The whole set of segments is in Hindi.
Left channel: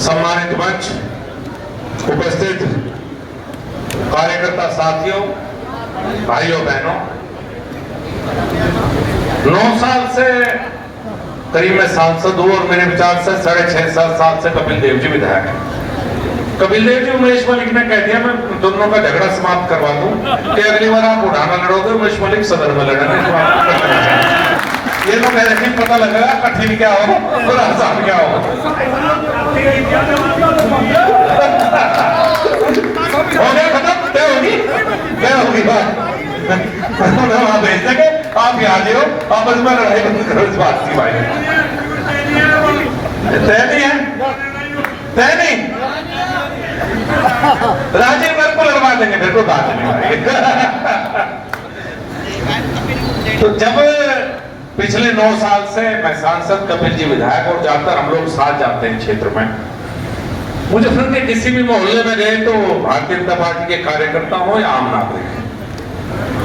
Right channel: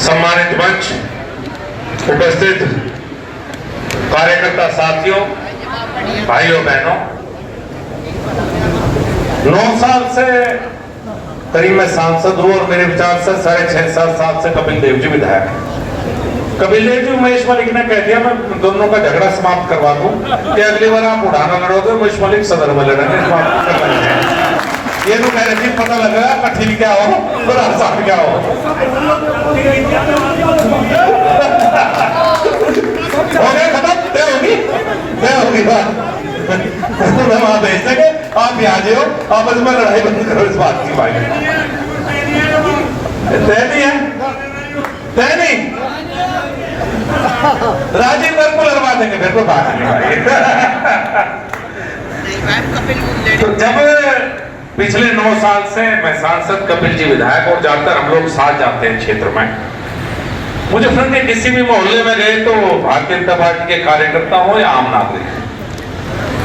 सम्मानित मंच, उपस्थित कार्यकर्ता साथियों, भाइयों बहनों, 9 साल से करीब मैं सांसद हूं और मेरे विचार से 6.5-7 साल से कपिल देव जी विधायक हैं। कपिल देव जी उमेश मलिक ने कह दिया मैं दोनों का झगड़ा समाप्त करवा दूं कि अगली बार आप उड़ाना लड़ोगे, उमेश मलिक सदर में लड़ेंगे। ये तो कह रहे पता लगेगा कठिन क्या हो और आसान क्या हो। हो गया खत्म, तय होगी बात। वहां भेज देंगे, आप यहाँ जाओ, आपस में लड़ाई बंद करो इस बात की। भाई तय नहीं है, तय नहीं। राजीव मेरे को लगवा देंगे, मेरे को बात नहीं भाई। तो जब पिछले 9 साल से मैं सांसद, कपिल जी विधायक, और ज्यादातर हम लोग साथ जाते हैं क्षेत्र में, मुजफ्फरनगर के किसी भी मोहल्ले में गए तो भारतीय जनता पार्टी के कार्यकर्ता हो या आम नागरिक,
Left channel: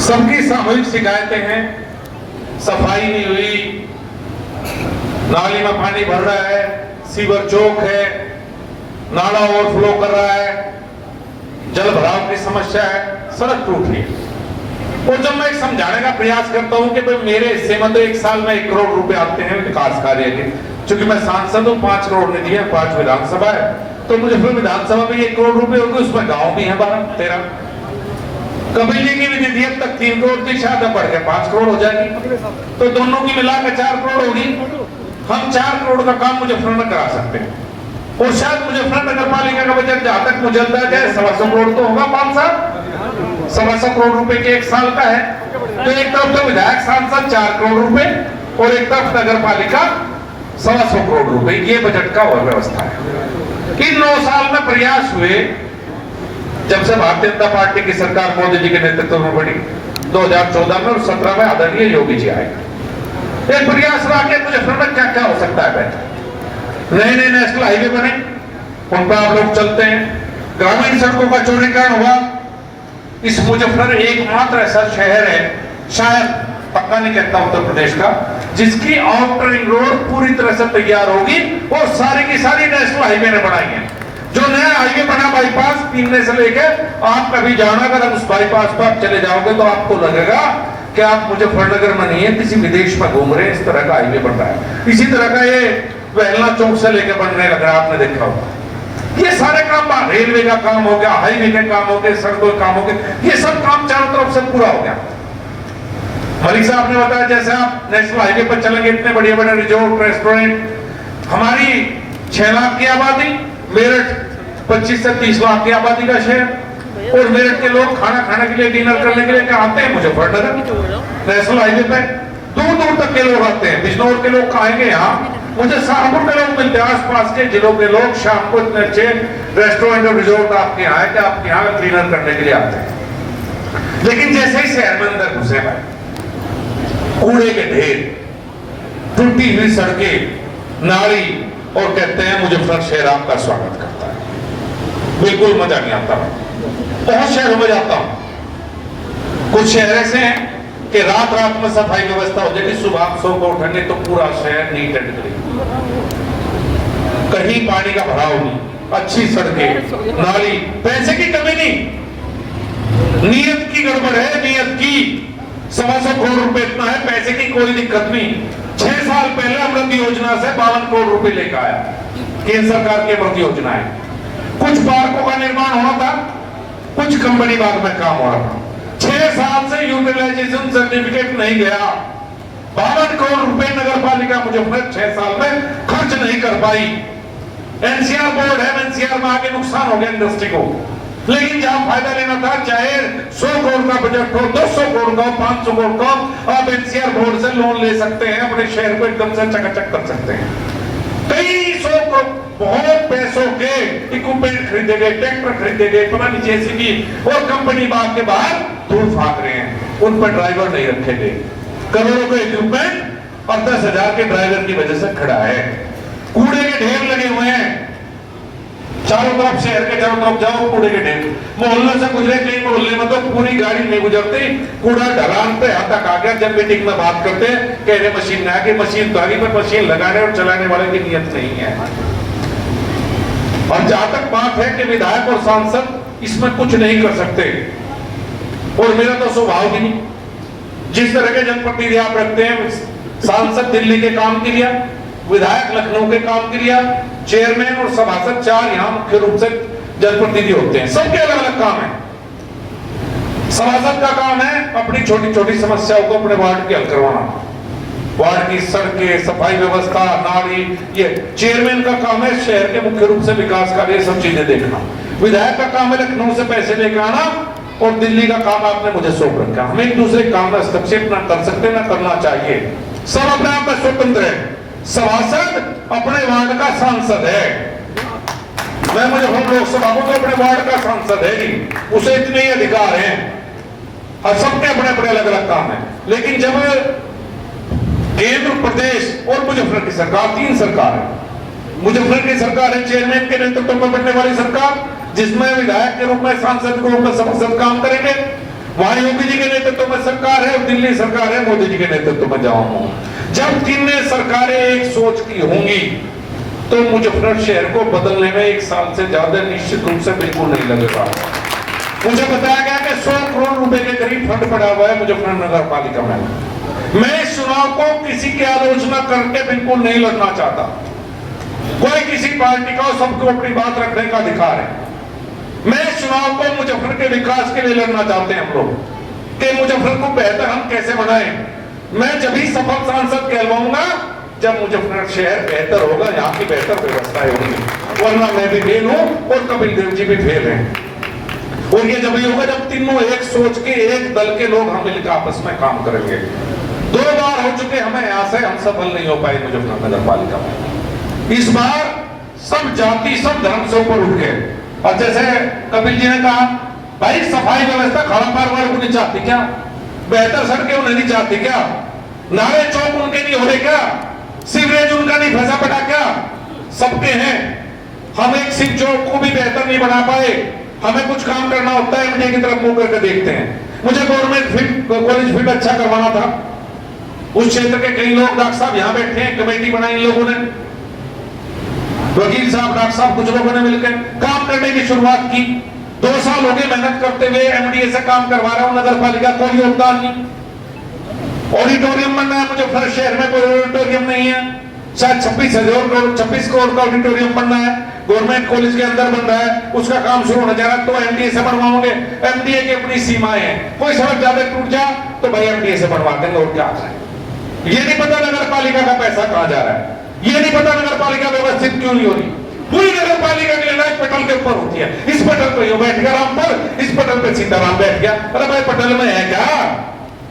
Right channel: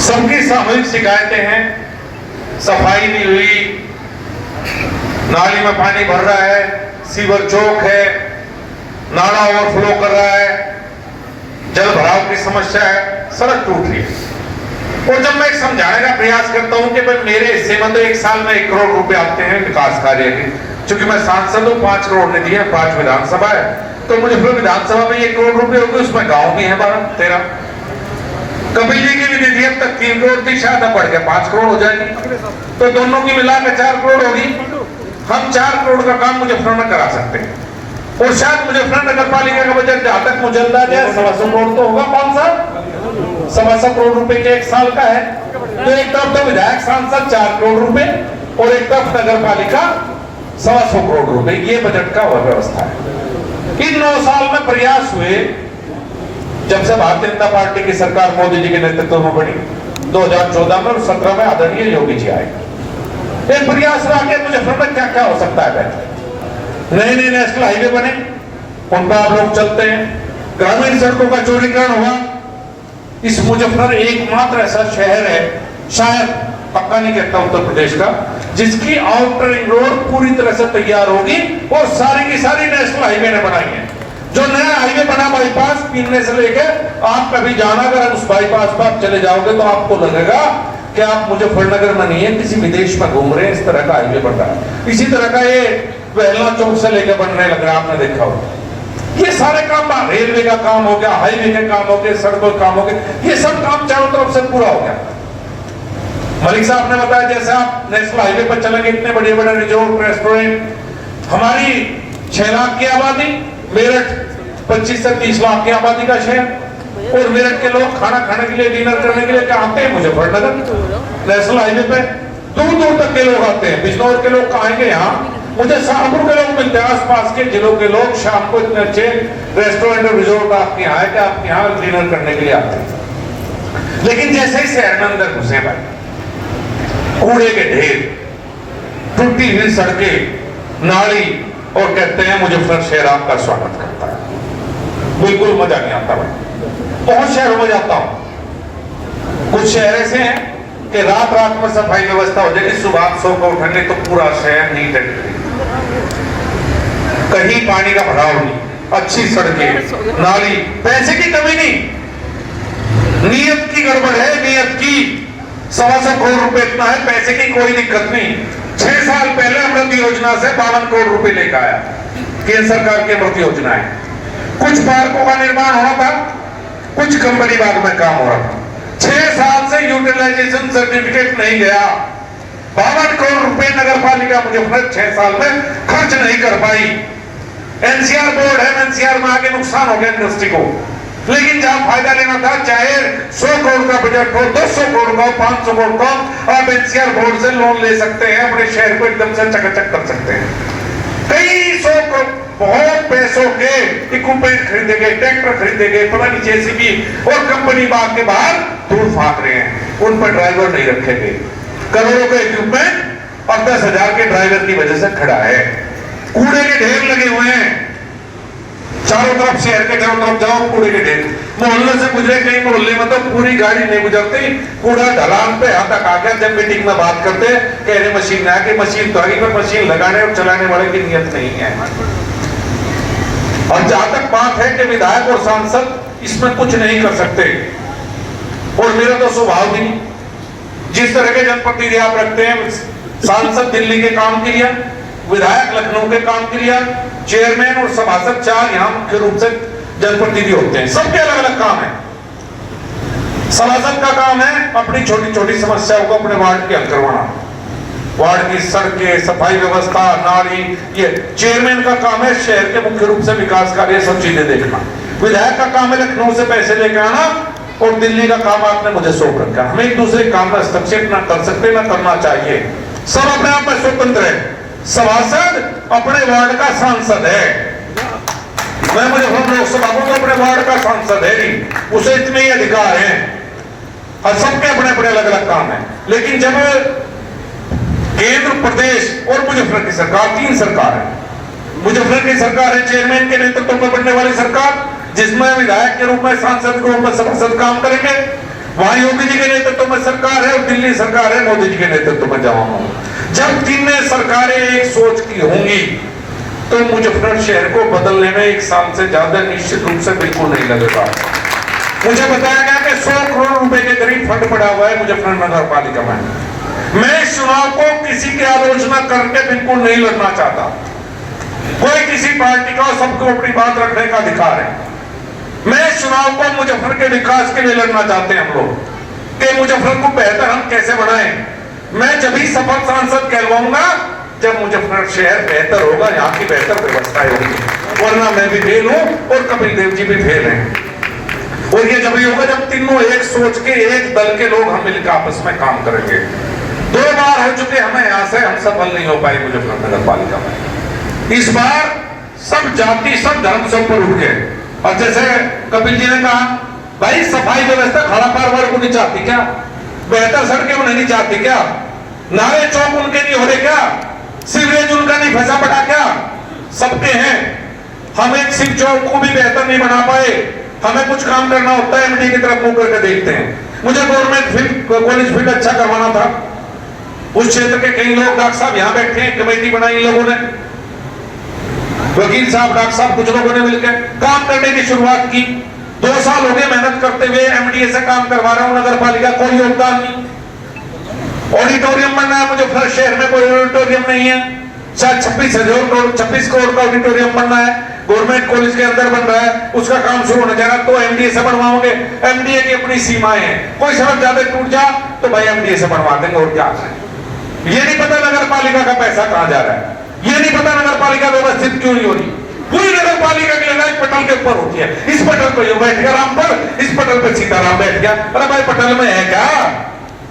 सबकी सामूहिक शिकायतें हैं। सफाई नहीं हुई, नाली में पानी भर रहा है, सीवर चौक है, नाला ओवरफ्लो कर रहा है, जल भराव की समस्या है, सड़क टूट रही है। और जब मैं समझाने का प्रयास करता हूं कि भाई मेरे हिस्से में तो 1 साल में 1 करोड़ रुपए आते हैं विकास कार्य के, क्योंकि मैं सांसद हूं, 5 करोड़ ने दिए, 5 विधानसभा है, तो मुझे फिर विधानसभा में 1 करोड़ रुपए होंगे, उसमें गांव भी है 12-13। कपिल जी की भी दे दी, अब तक 3 करोड़ थी, शायद बढ़ गया 5 करोड़ हो जाएगी, तो दोनों की मिलाकर 4 करोड़ होगी। हम 4 करोड़ का काम मुजफ्फरनगर में करा सकते हैं। और शायद मुजफ्फरनगर नगर पालिका का बजट जहां तक मुझे अंदाजा है 125 करोड़ तो होगा, 5 साल 125 करोड़ रुपए के 1 साल का है। तो एक तरफ तो विधायक सांसद 4 करोड़ रुपए और एक तरफ नगर पालिका 125 करोड़ रुपए, ये बजट का और व्यवस्था है। इन 9 साल में प्रयास हुए, जब से भारतीय जनता पार्टी की सरकार मोदी जी के नेतृत्व में बनी 2014 में और 17 में आदरणीय योगी जी आए, एक प्रयास रहा कि मुजफ्फरनगर क्या क्या हो सकता है। नए नए नेशनल हाईवे बने, उन पर आप लोग चलते हैं, ग्रामीण सड़कों का चौड़ीकरण हुआ। इस मुजफ्फरनगर एकमात्र ऐसा शहर है, शायद पक्का नहीं कहता उत्तर प्रदेश का, जिसकी आउटर रिंग रोड पूरी तरह से तैयार होगी और सारी की सारी नेशनल हाईवे ने बनाई है। जो नया हाईवे बना बाईपास पीने से लेके, आप कभी जाना, अगर उस बाईपास पर आप चले जाओगे तो आपको लगेगा कि आप मुजफ्फरनगर में नहीं है, किसी विदेश में घूम रहे हैं। इस तरह का हाईवे बन रहा है। इसी तरह का ये वेहला चौक से लेके बनने लग रहा है, आपने देखा होगा। ये सारे काम, रेलवे का काम हो गया, हाईवे के काम हो गए, सड़कों के काम हो गए, ये सब काम चारों तरफ से पूरा हो गया। मलिक साहब ने बताया जैसे आप नेशनल हाईवे पर चलेंगे, इतने बड़े बड़े रिजोर्ट, रेस्टोरेंट, हमारी 6 लाख की आबादी, मेरठ 25 से 30 लाख की आबादी का शहर, और मेरठ के लोग खाना खाने के लिए, डिनर करने के लिए क्या आते हैं मुजफ्फरनगर नेशनल हाईवे पे, दूर दूर तक के लोग आते हैं। बिजनौर के लोग आएंगे यहाँ, मुझे सहारनपुर के लोग मिलते हैं, आसपास के जिलों के लोग शाम को इतने अच्छे रेस्टोरेंट और रिजोर्ट आपके यहाँ है कि आपके यहाँ डिनर करने के लिए आते हैं। लेकिन जैसे ही शहर में अंदर घुसे भाई, कूड़े के ढेर, टूटी हुई सड़कें, नाली, और कहते हैं मुजफ्फरनगर शहर आपका स्वागत करता है। बिल्कुल मजा नहीं आता भाई। बहुत शहरों में जाता हूं, कुछ शहर ऐसे हैं कि रात रात में सफाई व्यवस्था हो जाएगी, सुबह आप 100 को उठेंगे तो पूरा शहर नीट एंड क्लीन, कहीं पानी का भराव नहीं, अच्छी सड़कें, नाली, पैसे की कमी नहीं, नियत की गड़बड़ है, नियत की। 125 करोड़ रुपए इतना है, पैसे की कोई दिक्कत नहीं। 6 साल पहले अमृत योजना से 52 करोड़ रुपए लेकर आया, केंद्र सरकार की अमृत योजना है। कुछ पार्कों का निर्माण होना था, कुछ कंपनी बाग में काम हो रहा था। 6 साल से यूटिलाइजेशन सर्टिफिकेट नहीं गया। 52 करोड़ रुपए नगर पालिका मुजफ्फरनगर 6 साल में खर्च नहीं कर पाई। एनसीआर बोर्ड है, एनसीआर में आगे नुकसान हो गया इंडस्ट्री को, लेकिन जहां फायदा लेना था, चाहे 100 करोड़ का बजट हो, 200 करोड़ का, 500 करोड़ का, आप एनसीआर बोर्ड से लोन ले सकते हैं, अपने शहर को एकदम से चकाचक कर सकते हैं। कई 100 बहुत पैसों के इक्विपमेंट खरीदे गए, ट्रैक्टर खरीदे गए, पता नहीं जेसीबी, और कंपनी बाग के बाहर धूल फाक रहे हैं, उन पर ड्राइवर नहीं रखे गए। करोड़ों का इक्विपमेंट और 10,000 के ड्राइवर की वजह से खड़ा है। कूड़े के ढेर लगे हुए हैं चारों तरफ, शहर के चारों तरफ जाओ कूड़े के ढेर। मोहल्ले से गुजरे, कई मोहल्ले में तो पूरी गाड़ी नहीं गुजरती, कूड़ा ढलान पे यहाँ तक आ गया। जब मीटिंग में बात करते कह रहे मशीन ना, कि मशीन तो आगे, पर मशीन लगाने और चलाने वाले की नियत नहीं है। और जहां तक बात है कि विधायक और सांसद इसमें कुछ नहीं कर सकते, और मेरा तो स्वभाव भी नहीं, जिस तरह के जनप्रतिनिधि आप रखते हैं, सांसद दिल्ली के काम के लिए, विधायक लखनऊ के काम के लिए, चेयरमैन और सभासद 4 यहाँ मुख्य रूप से जनप्रतिनिधि होते हैं, सबके अलग अलग काम है। सभासद का काम है अपनी छोटी छोटी समस्याओं को अपने वार्ड के हल करवाना, वार्ड की सड़कें, सफाई व्यवस्था, नाली, ये चेयरमैन का काम है शहर के मुख्य रूप से विकास कार्य, सब चीजें देखना। विधायक का काम है लखनऊ से पैसे लेकर आना, और दिल्ली का काम आपने मुझे सौंप रखा। हम एक दूसरे काम में हस्तक्षेप ना कर सकते, ना करना चाहिए, सब अपने आप में स्वतंत्र है। सभासद अपने वार्ड का सांसद है, मैं मुजफ्फरनगर लोकसभा को अपने वार्ड का सांसद है नहीं, उसे इतने ही अधिकार हैं, और सबके अपने अपने अलग अलग काम है। लेकिन जब केंद्र, प्रदेश और मुजफ्फरनगर की सरकार, 3 सरकार है, मुजफ्फरनगर की सरकार है चेयरमैन के नेतृत्व में बनने वाली सरकार, जिसमें विधायक के रूप में, सांसद के रूप में सभासद काम करेंगे, वहां योगी जी के नेतृत्व में सरकार है, और दिल्ली सरकार है मोदी जी के नेतृत्व में जमा होगा। जब तीनों सरकारें एक सोच की होंगी तो मुजफ्फरनगर शहर को बदलने में 1 साल से ज्यादा निश्चित रूप से बिल्कुल नहीं लगेगा। मुझे बताया गया कि 100 करोड़ रुपए के करीब फंड पड़ा हुआ है मुजफ्फरनगर नगर पालिका में। मैं इस चुनाव को किसी की आलोचना करके बिल्कुल नहीं लड़ना चाहता, कोई किसी पार्टी का, सबको अपनी बात रखने का अधिकार है। मैं इस चुनाव को मुजफ्फरनगर के विकास के लिए लड़ना चाहते हैं हम लोग, कि मुजफ्फरनगर को बेहतर हम कैसे बनाएं। मैं जब ही सफल सांसद कहलवाऊंगा जब मुजफ्फरनगर शहर बेहतर होगा, यहाँ की बेहतर व्यवस्था होगी, वरना मैं भी फेल हूं और कपिल देव जी भी फेल हैं। और ये जब ही होगा जब तीनों एक सोच के, एक दल के लोग हम मिलकर आपस में काम करेंगे। 2 बार हो चुके हमें, यहाँ से हम सफल नहीं हो पाए मुजफ्फरनगर नगर पालिका में। इस बार सब जाति, सब धर्म से ऊपर उठ गए, और जैसे कपिल जी ने कहा, भाई सफाई व्यवस्था खड़ा कारोबार को नहीं चाहती क्या, बेहतर सड़कें उन्हें नहीं चाहती क्या, नाले चौक उनके नहीं हो रहे क्या, सीवरेज उनका नहीं फंसा पड़ा क्या, सबके हैं। हम एक शिव चौक को भी बेहतर नहीं बना पाए, हमें कुछ काम करना होता है, एमडी की तरफ मुंह करके देखते हैं। मुझे गवर्नमेंट कॉलेज फील्ड अच्छा करवाना था, उस क्षेत्र के कई लोग, डॉक्टर साहब यहाँ बैठे हैं, कमेटी बनाई इन लोगों ने, वकील साहब, डॉक्टर साहब, कुछ लोगों ने मिलकर काम करने की शुरुआत की। 2 साल हो गए मेहनत करते हुए, एमडीए से काम करवा रहा हूं, नगर पालिका कोई योगदान नहीं। ऑडिटोरियम बनना है मुझे, फिर शहर में कोई ऑडिटोरियम नहीं है, शायद 26 करोड़ का ऑडिटोरियम बनना है, गवर्नमेंट कॉलेज के अंदर बन रहा है, उसका काम शुरू होने जा रहा है, तो एमडीए से बनवाओगे। एमडीए की अपनी सीमाएं हैं, कोई सड़क ज्यादा टूट जा तो भाई एमडीए से बनवा देंगे, और क्या है। ये नहीं पता नगर पालिका का पैसा कहां जा रहा है, ये नहीं पता नगर पालिका व्यवस्थित क्यों नहीं हो रही। पूरी नगर पालिका की लड़ाई पटल के ऊपर होती है, इस पटल पे यो बैठ गया राम पर, इस पटल पे सीताराम बैठ गया। अरे भाई पटल में है क्या,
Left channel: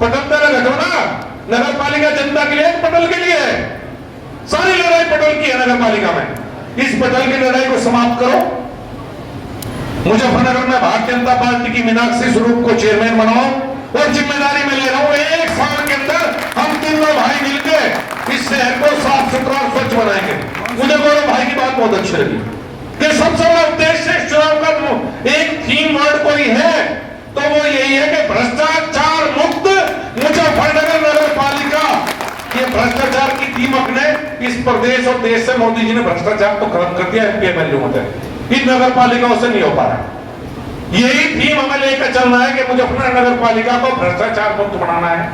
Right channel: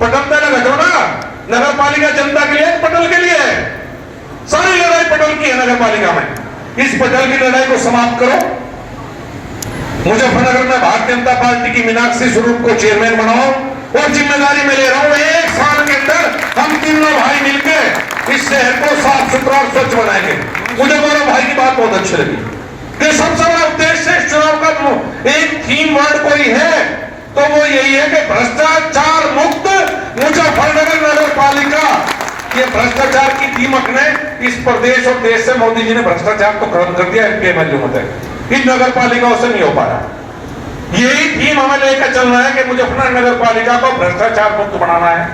पटल पे रखो ना, नगर पालिका जनता के लिए, पटल के लिए है, सारी लड़ाई पटल की है नगर पालिका में। इस पटल की लड़ाई को समाप्त करो। मुजफ्फरनगर में भारतीय जनता पार्टी की मीनाक्षी स्वरूप को चेयरमैन बनाओ, और जिम्मेदारी में ले रहा हूं 1 साल के अंदर हम तीनों भाई मिलकर इस शहर को साफ सुथरा और स्वच्छ बनाएंगे। मुझे मेरे भाई की बात बहुत अच्छी लगी कि सबसे बड़ा उद्देश्य इस चुनाव का एक थीम वर्ड कोई है तो वो यही है कि भ्रष्टाचार मुक्त मुजफ्फरनगर नगर पालिका। ये भ्रष्टाचार की थीम अपने इस प्रदेश और देश से मोदी जी ने भ्रष्टाचार तो खत्म कर दिया, एमपी होते इन नगर पालिकाओं से नहीं हो पा रहा। यही थीम हमें लेकर चलना है कि मुजफ्फरनगर नगर पालिका को भ्रष्टाचार मुक्त बनाना है,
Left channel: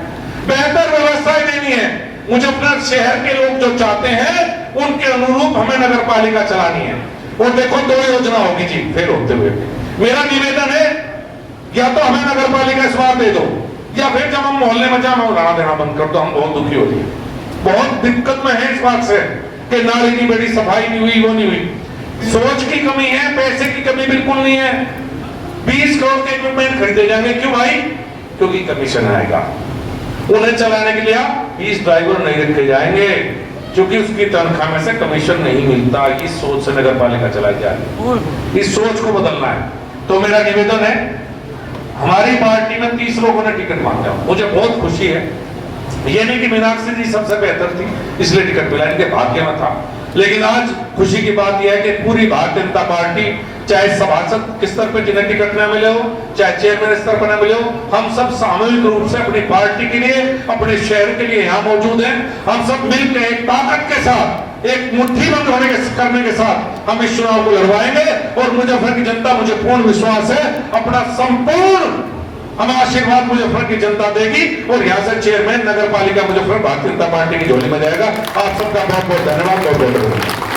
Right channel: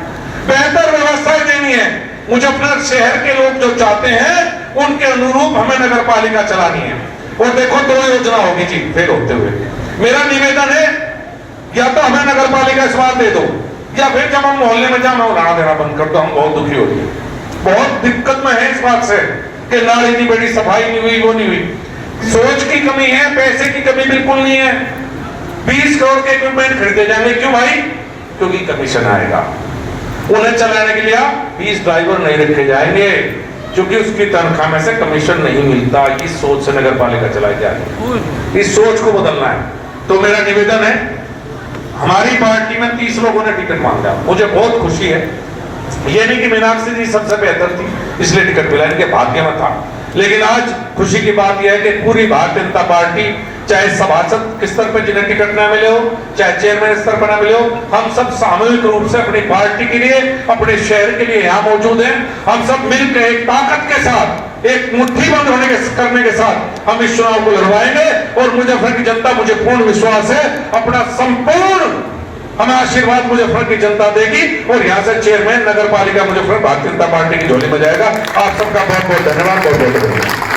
बेहतर व्यवस्थाएं देनी है। मुजफ्फरनगर शहर के लोग जो चाहते हैं उनके अनुरूप हमें नगर पालिका चलानी है। और देखो 2 योजना होगी जी फेल होते हुए। मेरा निवेदन है या तो हमें नगर पालिका स्वाद दे दो, या फिर जब हम मोहल्ले में जाना उड़ाना देना बंद कर दो। हम बहुत दुखी हो गए, बहुत दिक्कत में है इस बात से कि नाली नहीं बड़ी, सफाई नहीं हुई, वो नहीं हुई। सोच की कमी है, पैसे की कमी बिल्कुल नहीं है। 20 करोड़ के इक्विपमेंट खरीदे जाएंगे, क्यों भाई? क्योंकि कमीशन आएगा। उन्हें चलाने के लिए 20 ड्राइवर नहीं रखे जाएंगे क्योंकि उसकी तनख्वाह में से कमीशन नहीं मिलता। इस सोच से नगर पालिका चलाई जा रही है, इस सोच को बदलना है। तो मेरा निवेदन है, हमारी पार्टी में 30 लोगों ने टिकट मांगा, मुझे बहुत खुशी है। ये नहीं कि मीनाक्षी जी सबसे बेहतर थी इसलिए टिकट मिला, इनके भाग्य में था। लेकिन आज खुशी की बात यह है कि पूरी भारतीय जनता पार्टी, चाहे सभासद के स्तर पर जिन्हें टिकट न मिले हो, चाहे चेयरमैन स्तर पर न मिले हो, हम सब सामूहिक रूप से अपनी पार्टी के लिए, अपने शहर के लिए यहाँ मौजूद हैं। हम सब मिलकर एक ताकत के साथ एक मुट्ठी बंद करने के साथ हम इस चुनाव को लड़वाएंगे और मुजफ्फर की जनता, मुझे पूर्ण विश्वास है, अपना संपूर्ण हमें आशीर्वाद मुजफ्फर की जनता देगी और यहां से चेयरमैन नगर पालिका मुजफ्फर भारतीय जनता पार्टी की झोली में जाएगा। आप सबका बहुत बहुत धन्यवाद, बहुत बहुत धन्यवाद।